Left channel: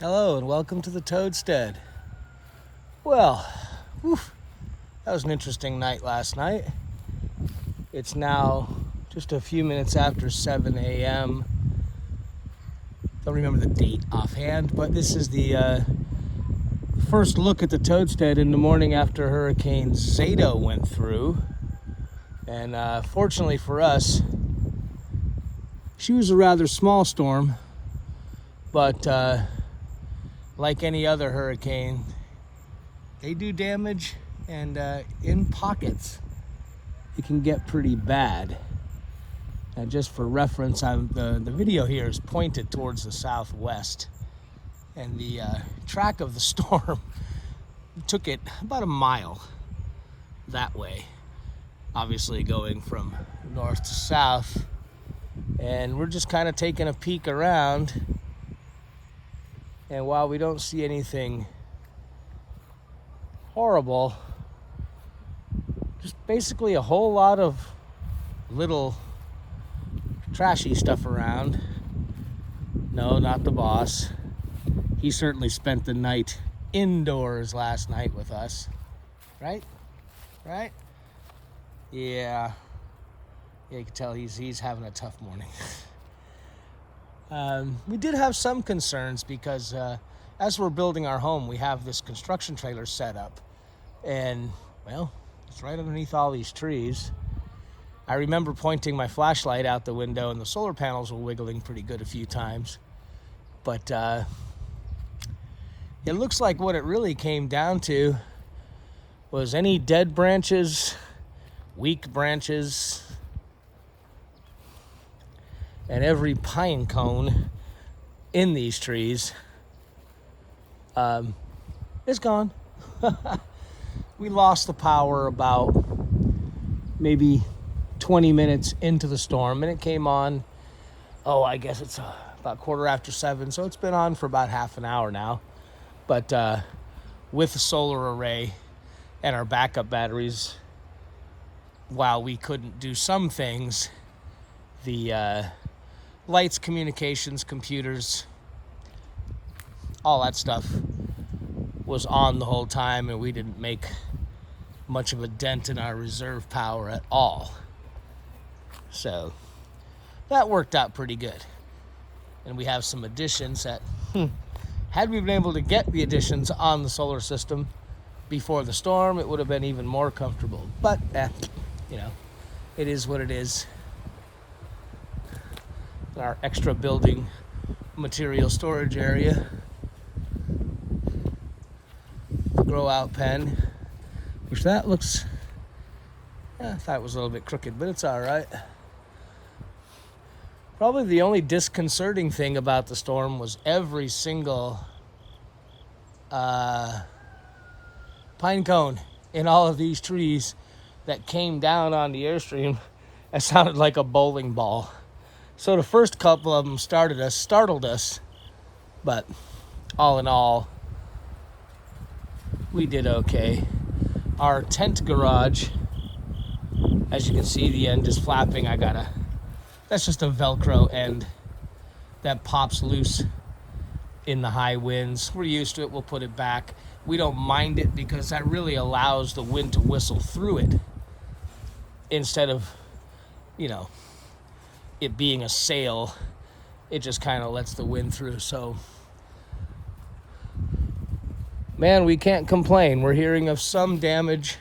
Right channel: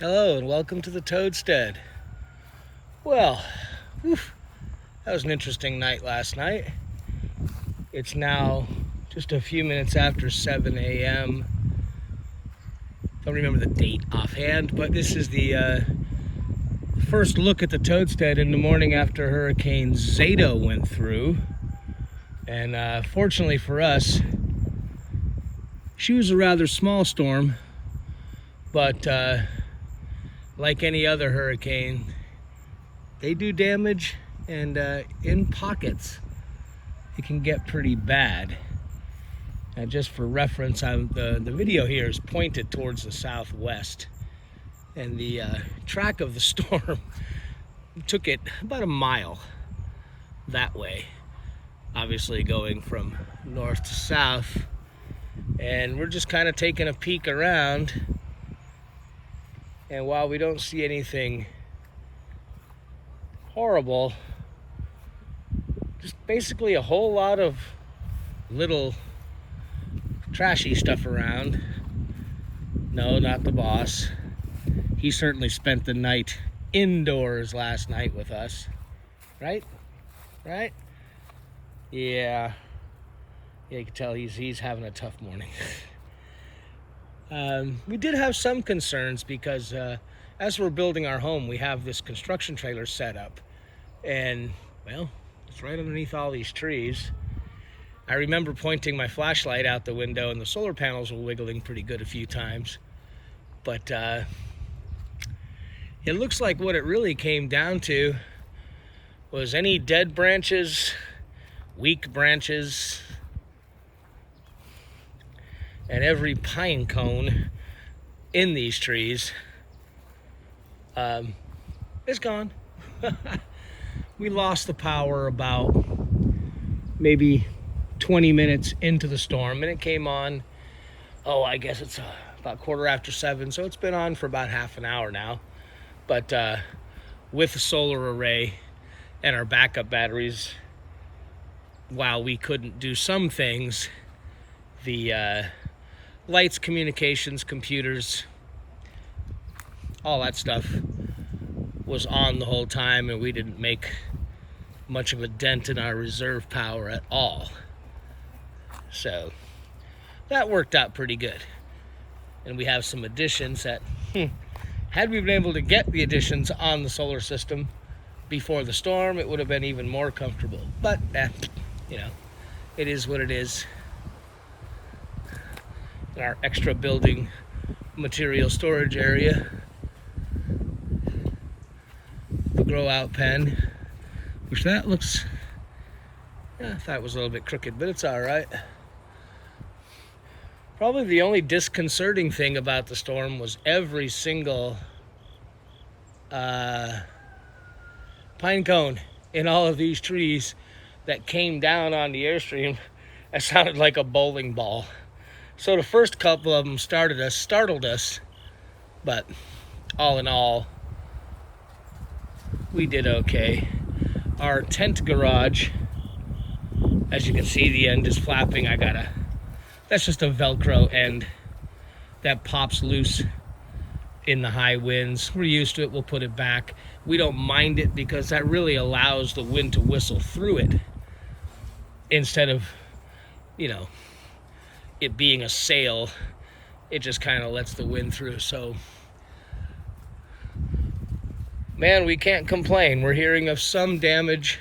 Hello and welcome to the Toadstead. Well, that was an interesting night last night. It's now just a few minutes after 7 a.m. Don't remember the date offhand, but this is the first look at the Toadstead in the morning after Hurricane Zeta went through. And fortunately for us, she was a rather small storm, but like any other hurricane, they do damage, and in pockets it can get pretty bad. And just for reference, the video here is pointed towards the southwest, and the track of the storm took it about a mile that way, obviously going from north to south. And we're just kind of taking a peek around, and while we don't see anything horrible, just basically a whole lot of little trashy stuff around. No, not the boss. He certainly spent the night indoors last night with us. Right? Yeah, you can tell he's having a tough morning. We did have some concerns because as we're building our home, we have this construction trailer set up, and well, it's right underneath all these trees. I remember pointing my flashlight out the window, and the solar panels were wiggling pretty good a few times, but it looks like what it really came down to was any dead branches, weak branches, and every pine cone in these trees is gone. We lost the power about maybe 20 minutes into the storm, and it came on, I guess it's about 7:15, so it's been on for about half an hour now. But with the solar array and our backup batteries, while we couldn't do some things, the lights, communications, computers, all that stuff was on the whole time, and we didn't make much of a dent in our reserve power at all. So that worked out pretty good. And we have some additions that, had we been able to get the additions on the solar system before the storm, it would have been even more comfortable. But, it is what it is. Our extra building material storage area, the grow out pen, which that looks, I thought it was a little bit crooked, but it's all right. Probably the only disconcerting thing about the storm was every single pine cone in all of these trees that came down on the airstream. It sounded like a bowling ball. So the first couple of them startled us, but all in all, we did okay. Our tent garage, as you can see, the end is flapping. That's just a Velcro end that pops loose in the high winds. We're used to it, we'll put it back. We don't mind it because that really allows the wind to whistle through it instead of, it being a sail. It just kind of lets the wind through. So, man, we can't complain. We're hearing of some damage,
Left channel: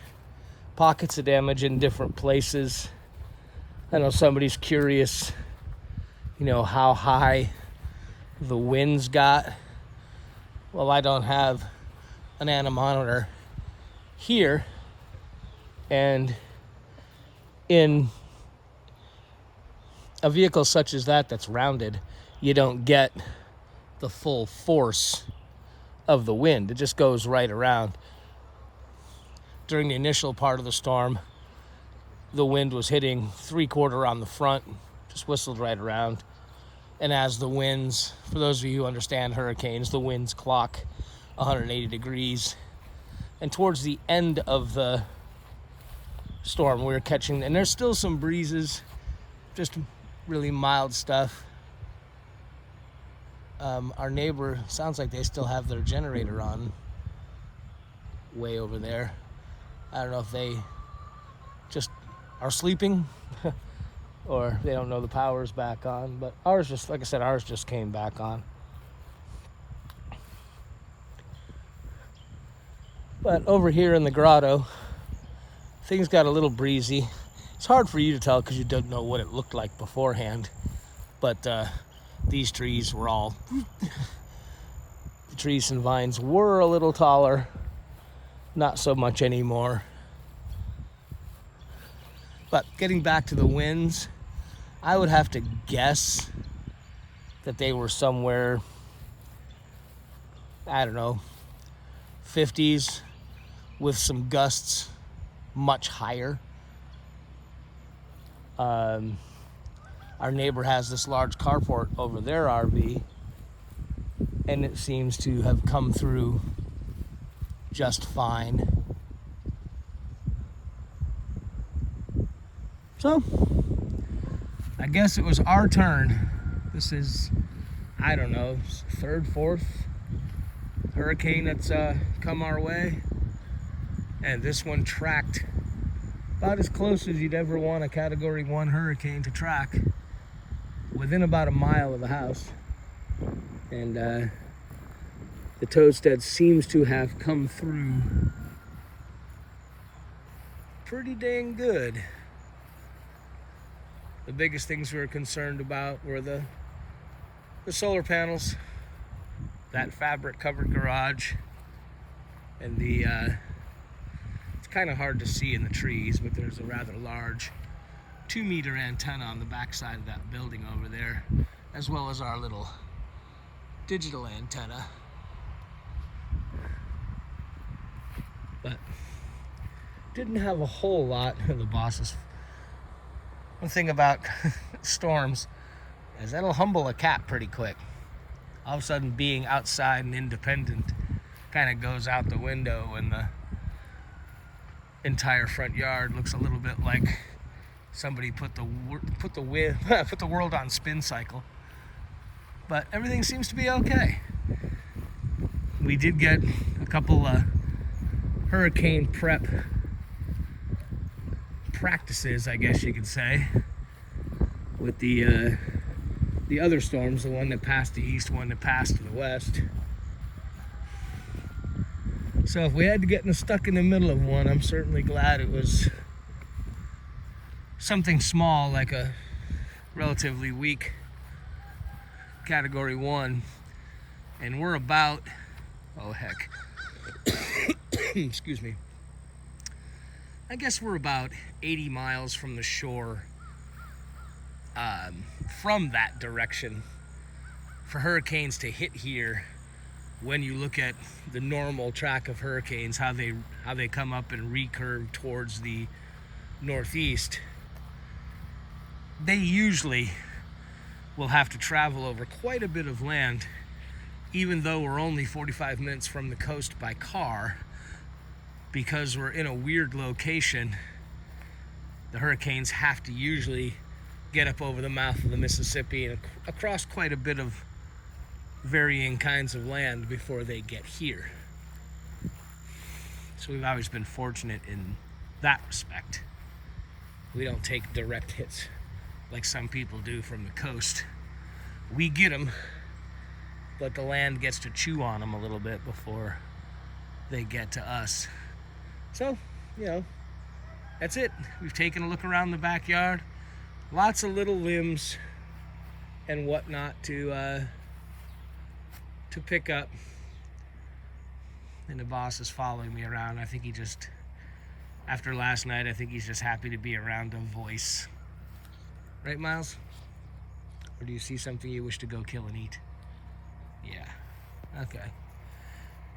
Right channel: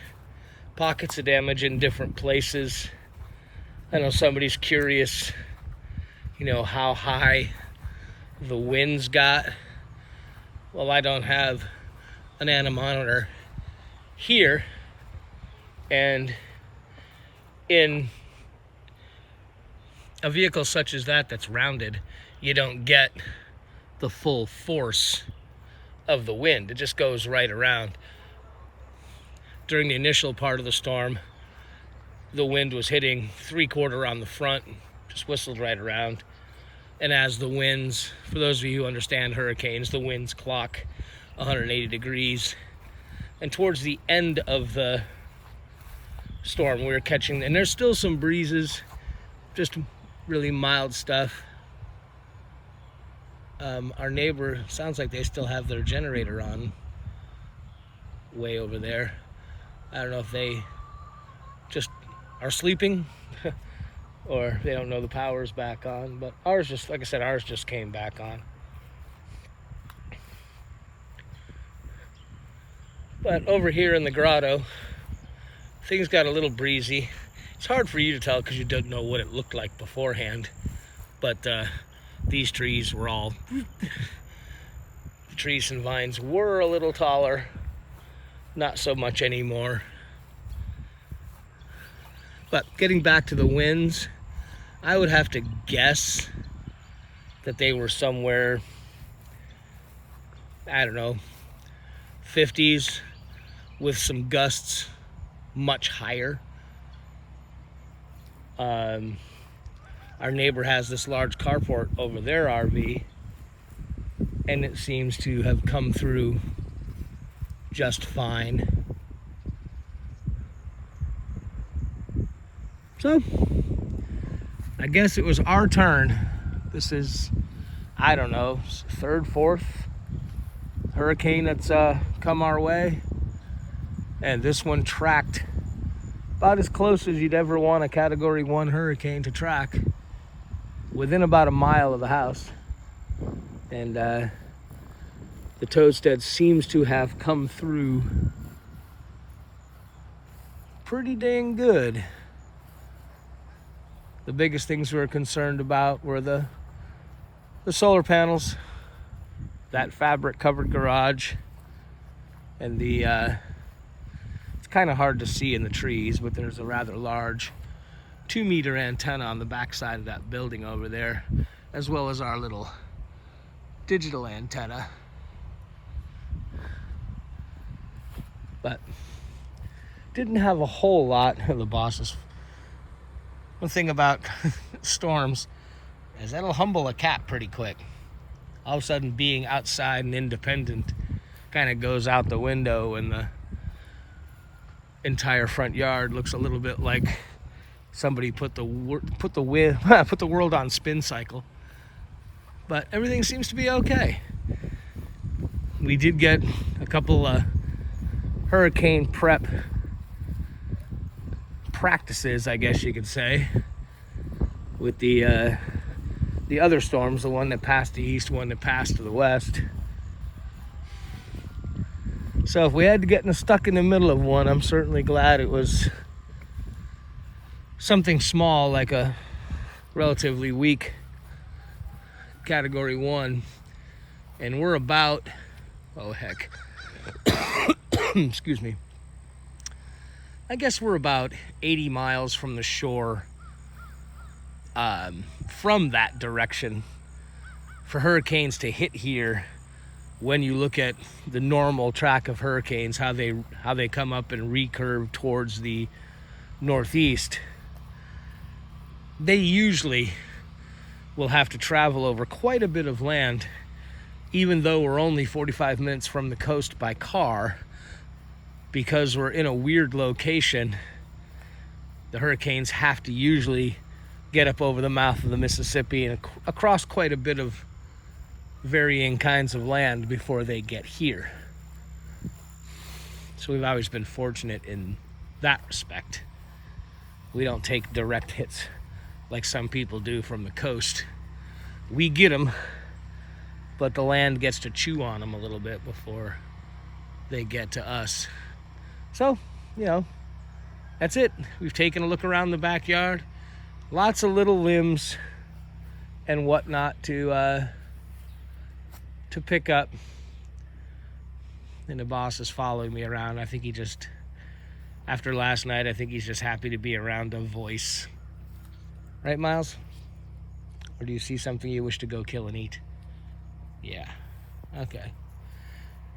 pockets of damage in different places. I know somebody's curious, how high the winds got. Well, I don't have an anemometer here, and in a vehicle such as that's rounded, you don't get the full force of the wind. It just goes right around. During the initial part of the storm, the wind was hitting 3/4 on the front, just whistled right around. And as the winds, for those of you who understand hurricanes, the winds clock 180 degrees. And towards the end of the storm, we were catching, and there's still some breezes, just really mild stuff. Our neighbor, sounds like they still have their generator on way over there. I don't know if they just are sleeping or they don't know the power's back on, but ours just, like I said, ours just came back on. But over here in the grotto, things got a little breezy. It's hard for you to tell because you don't know what it looked like beforehand, but these trees were all, the trees and vines were a little taller, not so much anymore. But getting back to the winds, I would have to guess that they were somewhere, I don't know, 50s with some gusts much higher. Our neighbor has this large carport over their RV, and it seems to have come through just fine. So, I guess it was our turn. This is, I don't know, third, fourth hurricane that's come our way. And this one tracked about as close as you'd ever want a Category 1 hurricane to track, within about a mile of the house. And the toadstead seems to have come through pretty dang good. The biggest things we were concerned about were the solar panels, that fabric covered garage, and the it's kind of hard to see in the trees, but there's a rather large 2-meter antenna on the back side of that building over there, as well as our little digital antenna. But didn't have a whole lot of the bosses. One thing about storms is that'll humble a cat pretty quick. All of a sudden being outside and independent kind of goes out the window, and the entire front yard looks a little bit like somebody put the world on spin cycle. But everything seems to be okay. We did get a couple hurricane prep practices, I guess you could say, with the other storms, the one that passed the east, one that passed to the west. So if we had to get stuck in the middle of one, I'm certainly glad it was something small, like a relatively weak Category 1. And we're about, oh heck, excuse me, I guess we're about 80 miles from the shore, from that direction. For hurricanes to hit here, when you look at the normal track of hurricanes, how they come up and recurve towards the northeast, they usually will have to travel over quite a bit of land, even though we're only 45 minutes from the coast by car. Because we're in a weird location, the hurricanes have to usually get up over the mouth of the Mississippi and across quite a bit of varying kinds of land before they get here. So we've always been fortunate in that respect. We don't take direct hits like some people do from the coast. We get them, but the land gets to chew on them a little bit before they get to us. So, you know, that's it. We've taken a look around the backyard. Lots of little limbs and whatnot to pick up. And the boss is following me around. I think he just, after last night, I think he's just happy to be around a voice. Right, Miles? Or do you see something you wish to go kill and eat? Yeah. Okay.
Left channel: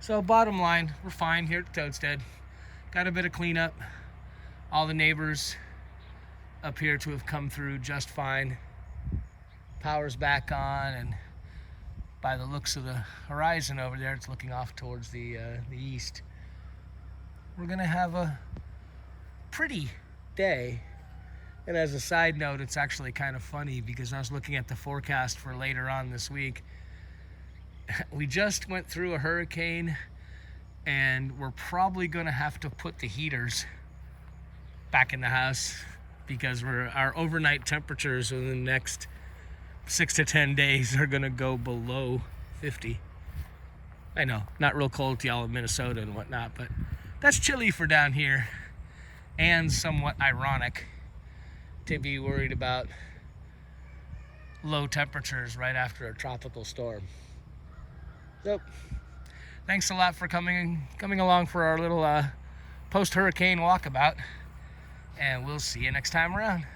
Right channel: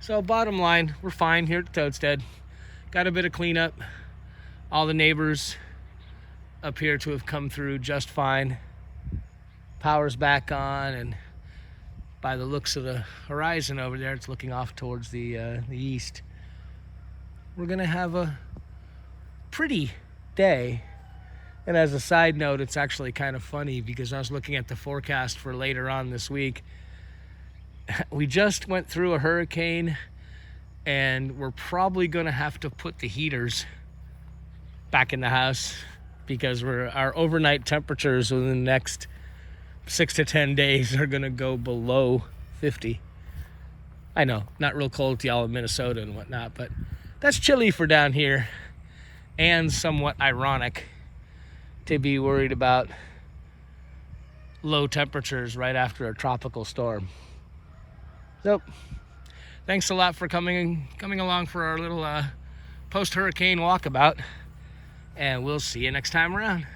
So bottom line, we're fine here at the Toadstead. Got a bit of cleanup. All the neighbors appear to have come through just fine. Power's back on, and by the looks of the horizon over there, it's looking off towards the east. We're gonna have a pretty day. And as a side note, it's actually kind of funny because I was looking at the forecast for later on this week, We just went through a hurricane, and we're probably going to have to put the heaters back in the house because our overnight temperatures within the next 6 to 10 days are going to go below 50. I know, not real cold to y'all in Minnesota and whatnot, but that's chilly for down here, and somewhat ironic to be worried about low temperatures right after a tropical storm. Nope. Thanks a lot for coming along for our little post-hurricane walkabout, and we'll see you next time around.